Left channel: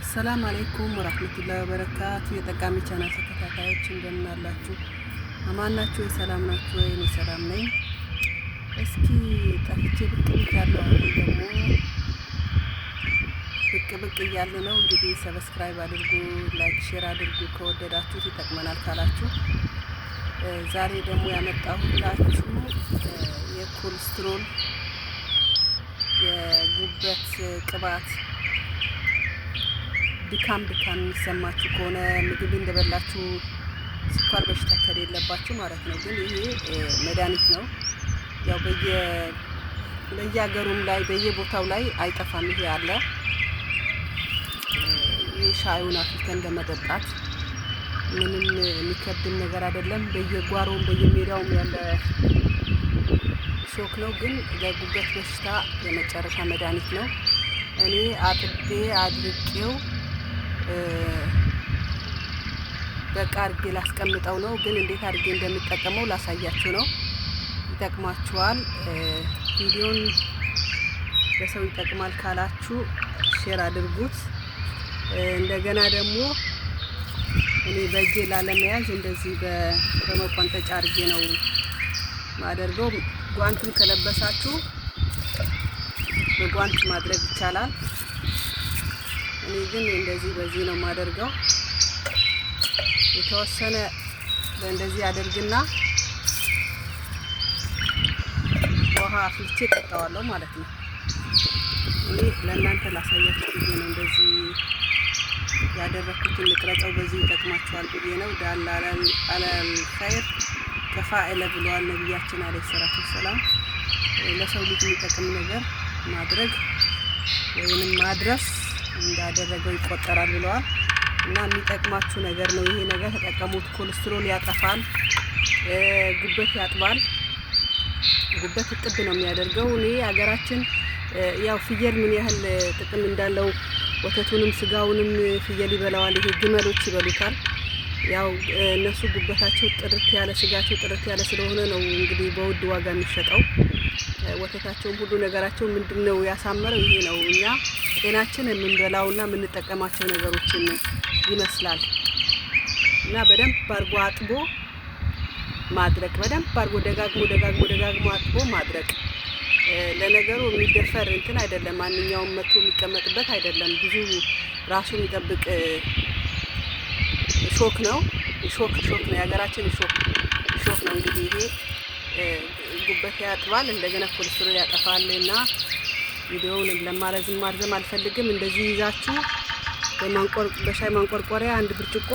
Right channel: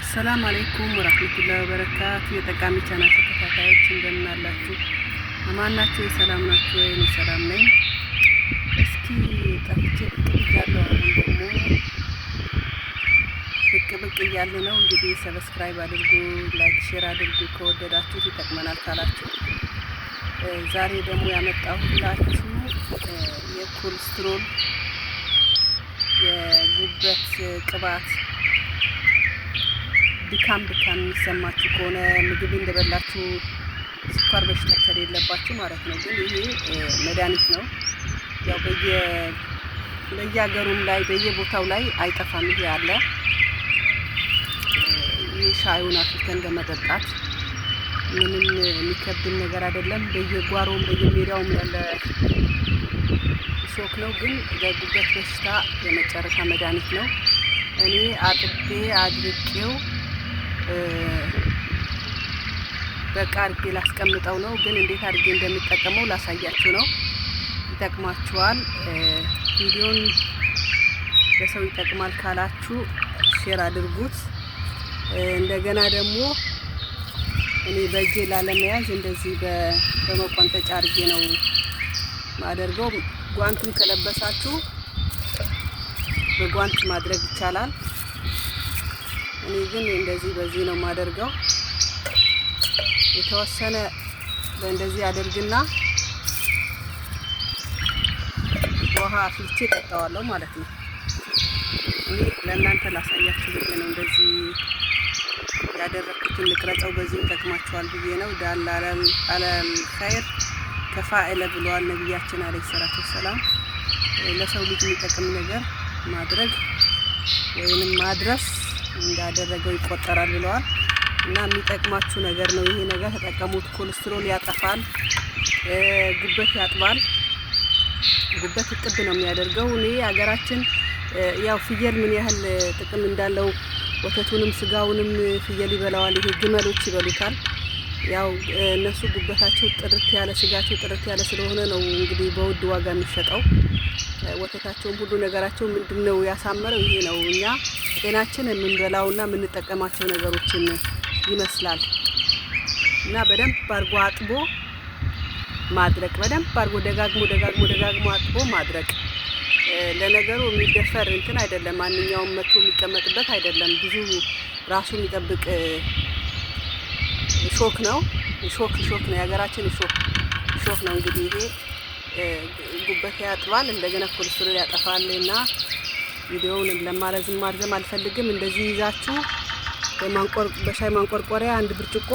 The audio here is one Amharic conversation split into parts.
አሰላሙ አለይኩም ወራህመቱላሂ ወበረካቱ። የጠቃሚ ቻናል ተከታታዮች እንደምን አላችሁ? አማን ናችሁ? ሰላም ናችሁ ወይ? እኔ ሰላም ነኝ። እስኪ ጠፍቼ ብቅ ብያለሁ። አሁን ደግሞ ብቅ እያለ ነው። እንግዲህ ሰብስክራይብ አድርጉ፣ ላይክ፣ ሼር አድርጉ ከወደዳችሁት ይጠቅመናል ካላችሁ። ዛሬ ደግሞ ያመጣሁላችሁ የኮሌስትሮል የጉበት ቅባት ድካም የሚሰማችሁ ከሆነ ምግብ እንደበላችሁ ስኳር በሽታ ከሌለባችሁ ማለት ነው። ግን ይሄ መድኃኒት ነው። ያው በየሀገሩም ላይ በየቦታው ላይ አይጠፋም። ይሄ አለ። ይህ ሻዩን አፍልተን እንደመጠጣት ምንም የሚከብድን ነገር አይደለም። በየጓሮም በየሜዳውም ያለ ሾክ ነው። ግን ለጉበት በሽታ የመጨረሻ መድኃኒት ነው። እኔ አጥቤ አድርቄው በቃ አድርጌ ላስቀምጠው ነው። ግን እንዴት አድርጌ እንደምጠቀመው ላሳያችሁ ነው። ይጠቅማችኋል። ቪዲዮን ለሰው ይጠቅማል ካላችሁ ሼር አድርጉት። እንደገና ደግሞ እኔ በእጄ ላለመያዝ እንደዚህ በመቆንጠጫ አድርጌ ነው ማደርገው። ጓንትም ከለበሳችሁ በጓንት ማድረግ ይቻላል። እኔ ግን እንደዚህ በዚህ ነው ማደርገው። የተወሰነ በእንደዚህ አደርግና ውሃ አፍልቼ ጠጣዋለሁ ማለት ነው። እኔ ለእናንተ ላሳያችሁ ብዬ ነው እንደዚህ ያደረኩትን ልቅረጸው። በዚህ ይጠቅማችኋል ብዬ ነው። ዳል አለል ኸይር ከፋኢለ ብለዋል ነብያችን አለይሂ ሰላቱ ወሰላም። ለሰው ልጅ የሚጠቅም ነገር ማድረግ ወይንም ማድረስ እንዳደረገው ይቆጠራል ብለዋል። እና የሚጠቅማችሁ ነገር ነው። ይሄ ነገር ተጠቀሙት። ኮሌስትሮል ያጠፋል፣ ጉበት ያጥባል። ጉበት እጥብ ነው የሚያደርገው። እኔ ሀገራችን ያው ፍየል ምን ያህል ጥቅም እንዳለው ወተቱንም ስጋውንም ፍየል ይበላዋል። ይሄ ግመሎች ይበሉታል። ያው እነሱ ጉበታቸው ጥርት ያለ ስጋቸው ጥርት ያለ ስለሆነ ነው እንግዲህ በውድ ዋጋ የሚሸጠው። ወተታቸውም ሁሉ ነገራቸው ምንድነው ያሳመረው ይሄ ነው። እኛ ጤናችን የምንበላውና የምንጠቀማቸው ነገሮችን ይመስላል። እና በደንብ አድርጎ አጥቦ ማድረቅ፣ በደንብ አድርጎ ደጋግሞ አጥቦ ማድረቅ። ለነገሩ የሚደፈር እንትን አይደለም። ማንኛውም መጥቶ የሚቀመጥበት አይደለም። ብዙ ራሱ የሚጠብቅ ሾክ ነው። ሾክ ነው የሀገራችን ሾክ ነው። እንግዲህ ይሄ ጉበት ያጥባል፣ እንደገና ኮሌስትሮል ያጠፋል። እና ቪዲዮውን ማርዘም አልፈልግም። እንደዚህ ይዛችሁ በሻይ ማንቆርቆሪያ አንድ ብርጭቆ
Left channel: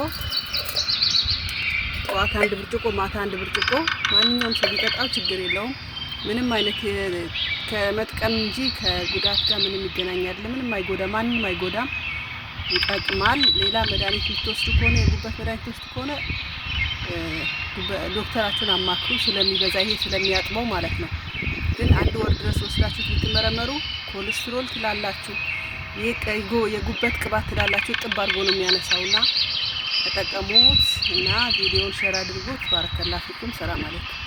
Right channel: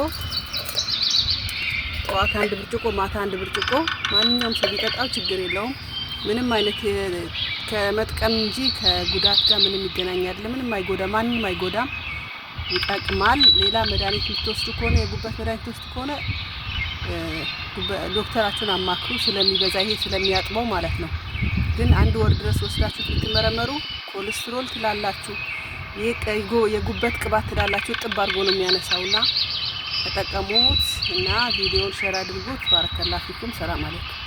ጠዋት አንድ ብርጭቆ ማታ አንድ ብርጭቆ ማንኛውም ሰው ቢጠጣው ችግር የለውም። ምንም አይነት ከመጥቀም እንጂ ከጉዳት ጋር ምንም ይገናኛል። ምንም አይጎዳም፣ ማንንም አይጎዳም፣ ይጠቅማል። ሌላ መድኃኒት የምትወስዱ ከሆነ የጉበት መድኃኒት የምትወስዱ ከሆነ ዶክተራችሁን አማክሩ። ስለሚበዛ ይሄ ስለሚያጥበው ማለት ነው። ግን አንድ ወር ድረስ ወስዳችሁ ብትመረመሩ ኮሌስትሮል ትላላችሁ፣ የጉበት ቅባት ትላላችሁ። ጥብ አድርጎ ነው የሚያነሳውና ተጠቀሙት። እና ቪዲዮውን ሼር አድርጉት። ባረከላሁ ፊኩም። ሰላም አለይኩም።